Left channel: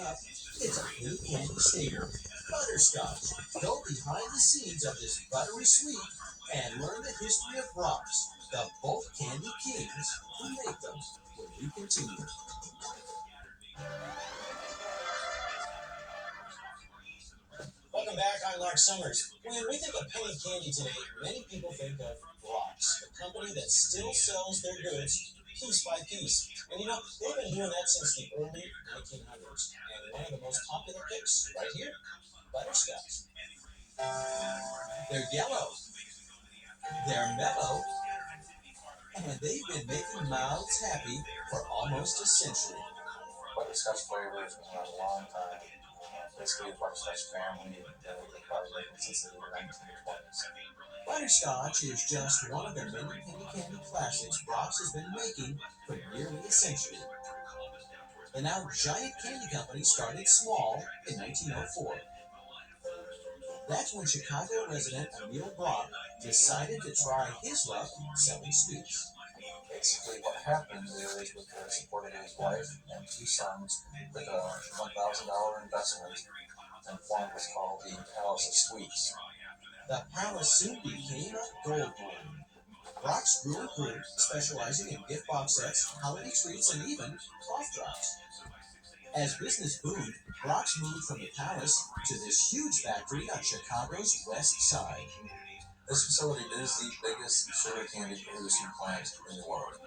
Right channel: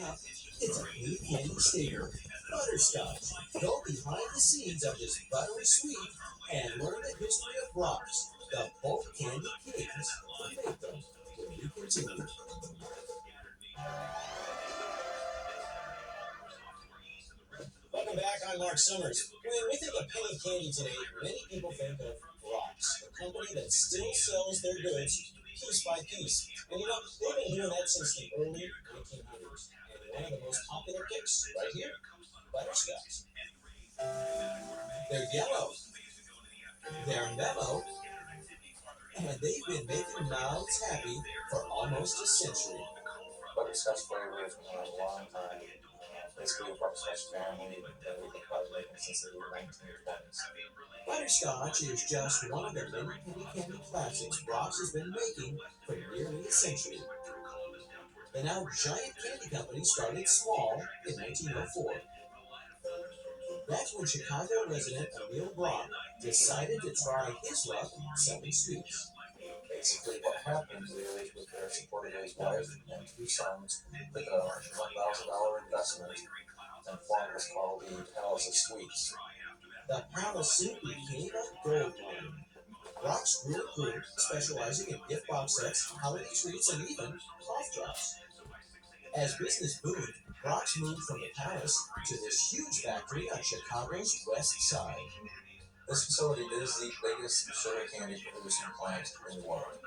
Now, it's a penny candy staple, Butterscotch. Go behind the scenes of this buttery sweet and learn the history of Brach's, the bulk candy kings who make them. When we continue. Welcome back. I'm Mark Summers. When we think of penny candy today, many people think of Brach's, the company that still sells their goods piece by piece. And they've been doing that since the early 1900s. And one of the most popular picks right here, Butterscotch. They're yellow, they're mellow, and they've been making mouths happy for almost a century. Butterscotch flavor has been around a long time. Basically, a butterscotch family that we've been making since the 1920s. Butterscotch is just one of the many penny candy classics Brach's has been making for nearly a century. The now giant candy company started small in 1904. That's when Chicago resident Emil Brach decided to try his luck selling sweets. Basically, what happened is, with their support of his wife and two sons, with a $1,000 investment, and formed what's called the Palace of Sweets. The palace soon became a gold mine. Brach's grew and grew, specializing in gift box sets, holiday treats, and even cough drops. As business boomed, Brach's moved from the palace to this huge factory on Chicago's west side. This facility is the biggest sugar candy producing plant in the world.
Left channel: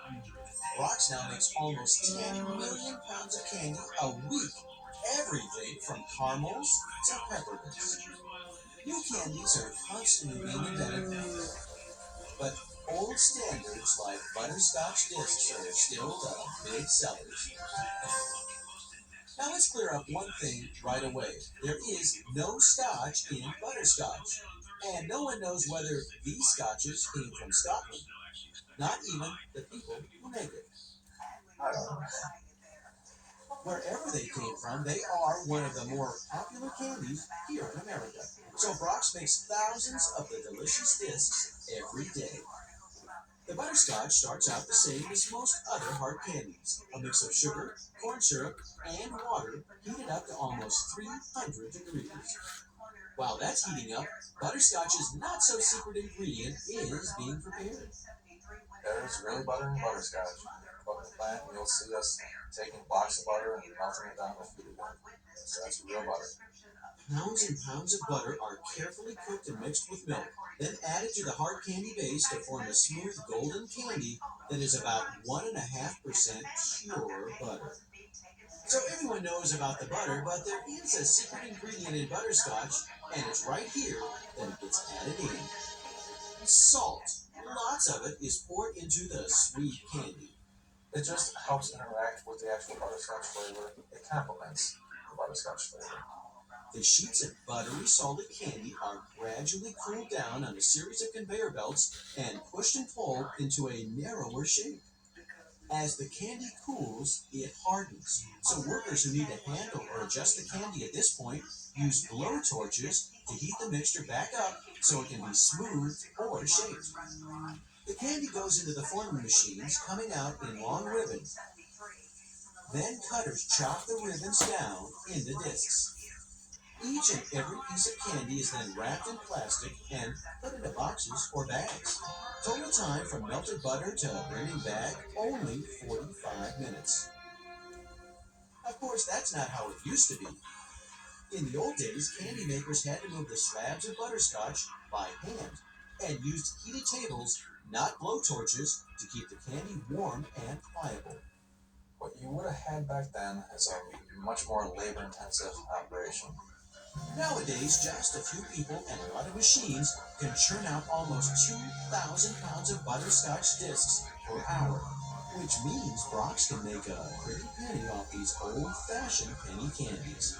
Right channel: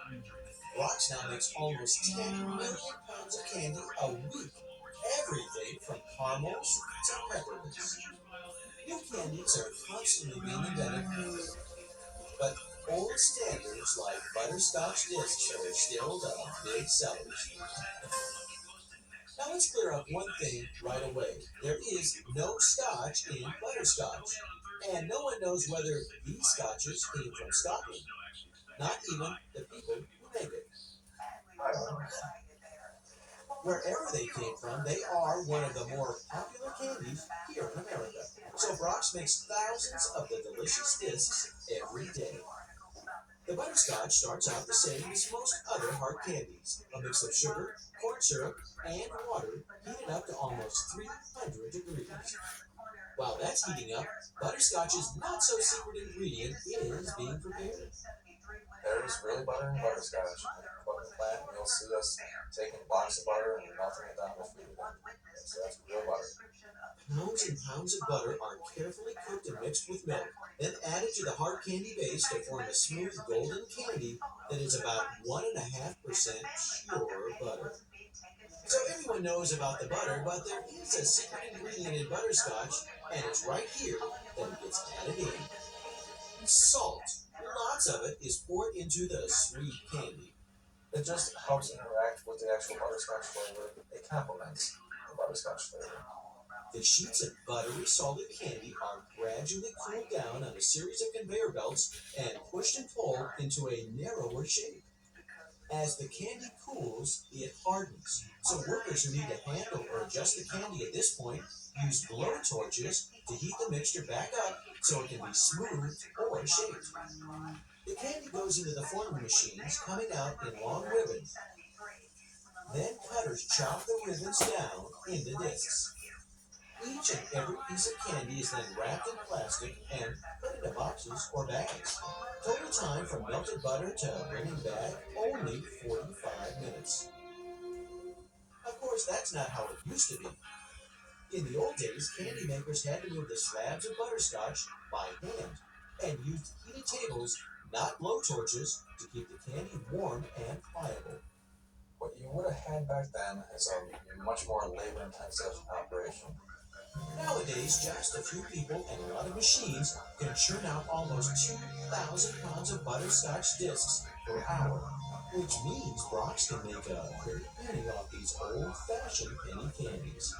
Brach's now makes almost 10 million pounds of candy a week, everything from caramels to peppermints. New candies are constantly being invented, but old standards like butterscotch discs are still the big sellers. Now let's clear up one thing right away. There is no scotch in butterscotch, and no one knows whether these scotches came from Scotland. Not even the people who make it. Wherever they came from, they are one of the more popular candies here in America. So Brach's makes thousands of the delicious discs every day. The butterscotch starts out the same as most other hard candies, a mix of sugar, corn syrup, and water heated up to almost 300 degrees. While that's heating up, butterscotch's not-so-secret ingredient is being prepared. There's real butter in butterscotch. Go to the plant and you'll see us taking blocks of butter and melting it down to feed it in. So that's real butter. Pounds and pounds of butter are carefully cooked and mixed with milk, then added to the hard candy base to form the smooth golden candy that is about 1.5% pure butter. So everyone knows about the butter, but there is a secret ingredient in butterscotch, and it's right here that it gets added in. Salt. Lots of it is poured into the sweet candy. It just helps interact with the actual butterscotch flavor. It complements the butterscotch flavor. The sheets of buttery solid candy are gradually cooled down on a series of conveyor belts and pushed and pulled into a narrower shape. As the candy cools, it hardens. So workers who need to handle or adjust the candy at this point use blow torches to heat the mixture back up so it can be smoothed or shaped. The candy goes into the forming machines, coming out in long ribbons. Then cutters chop the ribbons down into discs. Each and every piece of candy is then wrapped in plastic and put into boxes or bags. Total time from melted butter to bringing back, only 45 minutes. Of course, that's not how it used to be. In the old days, candy makers had to move the slabs of butterscotch by hand and used heated tables, not blowtorches, to keep the candy warm and pliable. What you would have had back then is a much more labor-intensive operation. Nowadays, just a few people and a lot of machines can churn out almost 2,000 pounds of butterscotch discs per hour, which means Brach's can make a pretty penny off these old-fashioned penny candies.